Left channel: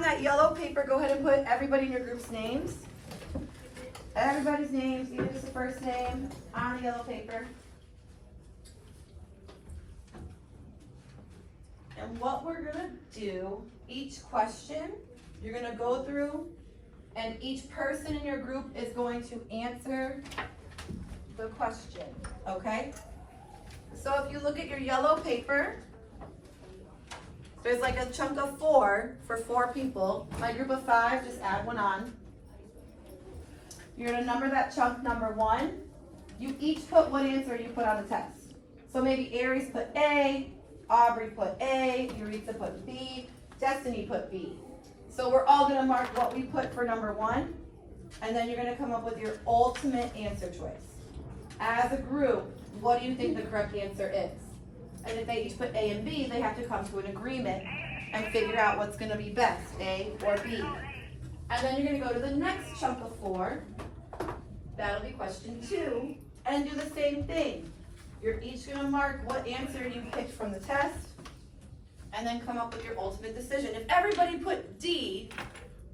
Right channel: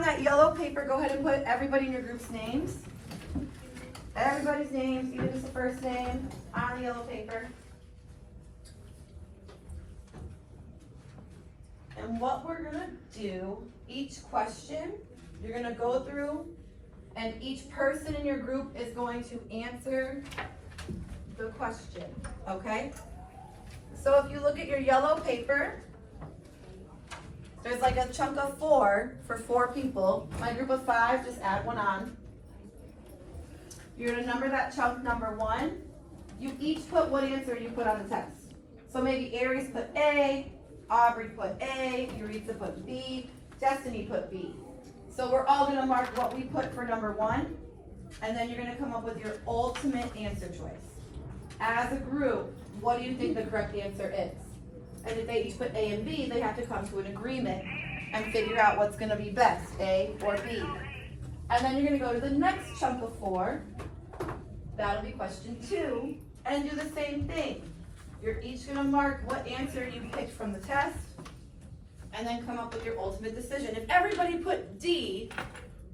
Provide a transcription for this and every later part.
on that yellow paper, go ahead and put everybody in your group's names. Everybody's names, even just the first name, on the yellow paper. And what we're gonna do, each question, you're gonna go through, and each person in your group is going to answer the question, okay? So if you look at your yellow paper, there's like a chunk of 4 for 4 people. My group of 5, just add 1 on. You're gonna number that chunk number 1. You each put what answer you put on the test. So maybe Aries put A, Aubrey put A, Eureka put B, Destiny put B. So we're all gonna mark what we put for number 1, and then you're gonna come up with your ultimate answer choice. As a group, what do you think the correct answer is? And if they each put A and B, they have to come to an agreement and figure out what's gonna be best, A or B. And then you're gonna go to the next chunk of 4. That'll be question 2, and do the same thing. You're each gonna mark what answer you picked from the test, and then come up with your ultimate decision. If everybody put D,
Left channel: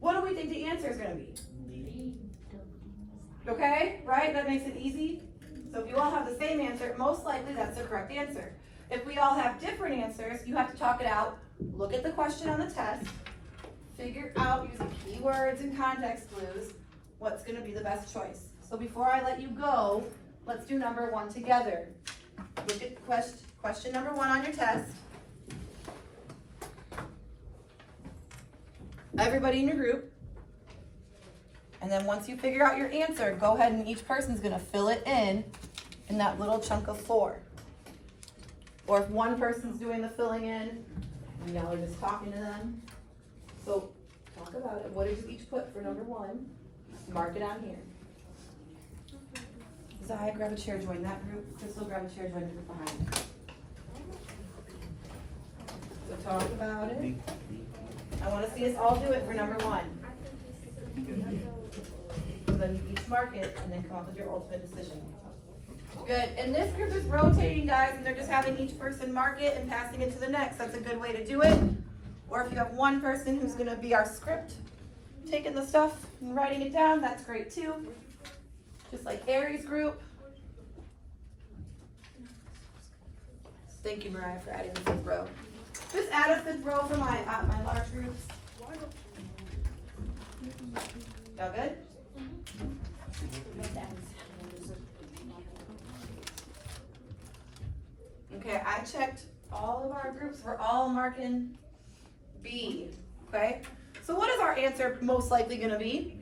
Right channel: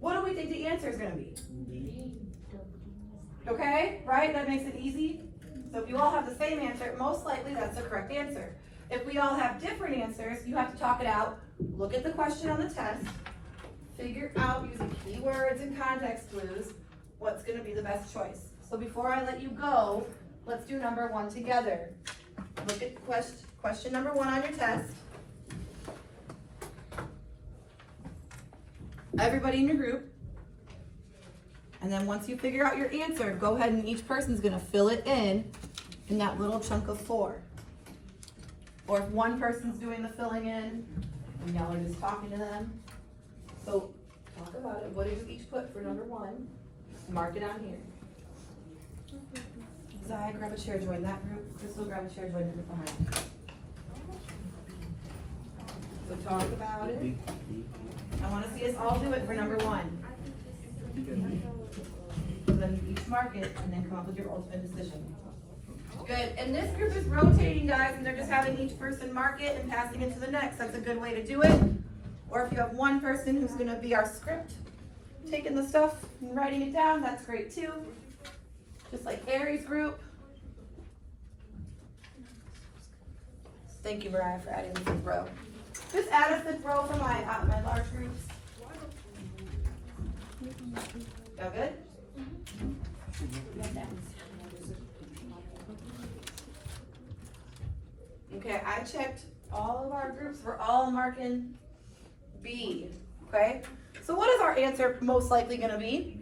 what do we think the answer is gonna be? Okay, right? That makes it easy. So if you all have the same answer, most likely that's the correct answer. If we all have different answers, you have to talk it out, look at the question on the test, figure out using keywords and context clues what's gonna be the best choice. So before I let you go, let's do number 1 together. Look at question number 1 on your test. Everybody in your group. And then once you figure out your answer, go ahead and each person's gonna fill it in that little chunk of 4. Or if one person's doing the filling in, and y'all are just talking to them. So talk about it. What did you each put for number 1? Mark it on here. Zai, grab a chair, join that group. Crystal, grab a chair, join the group behind you. So talk about it. I want to see us all do it for number 1. And then you each mark it, and then come up with your ultimate decision. Good. And this group is rotating, guys, and they're just having each person mark it and passing it to the next. That's a good way to do it. Or if you have one person who's going to be our script, taking the stuff and writing it down, that's great too. Just like Aries group. Thank you, Mariah, for adding the 5th row. Just add a 5th row for my large groups. Y'all good? Okay, I checked all of our groups. We're all marking B, okay? So what is our answer most likely gonna be?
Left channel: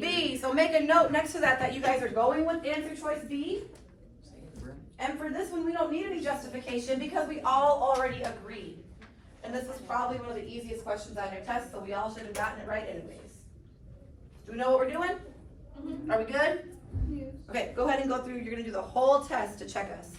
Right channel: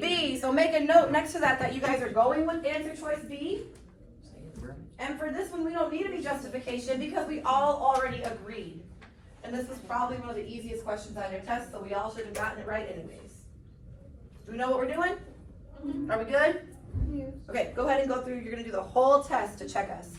B. So make a note next to that you guys are going with answer choice B. And for this one, we don't need any justification because we all already agreed. And this is probably one of the easiest questions on your test, so we all should have gotten it right anyways. Do we know what we're doing? Are we good? Okay, go ahead and go through. You're gonna do the whole test to check us.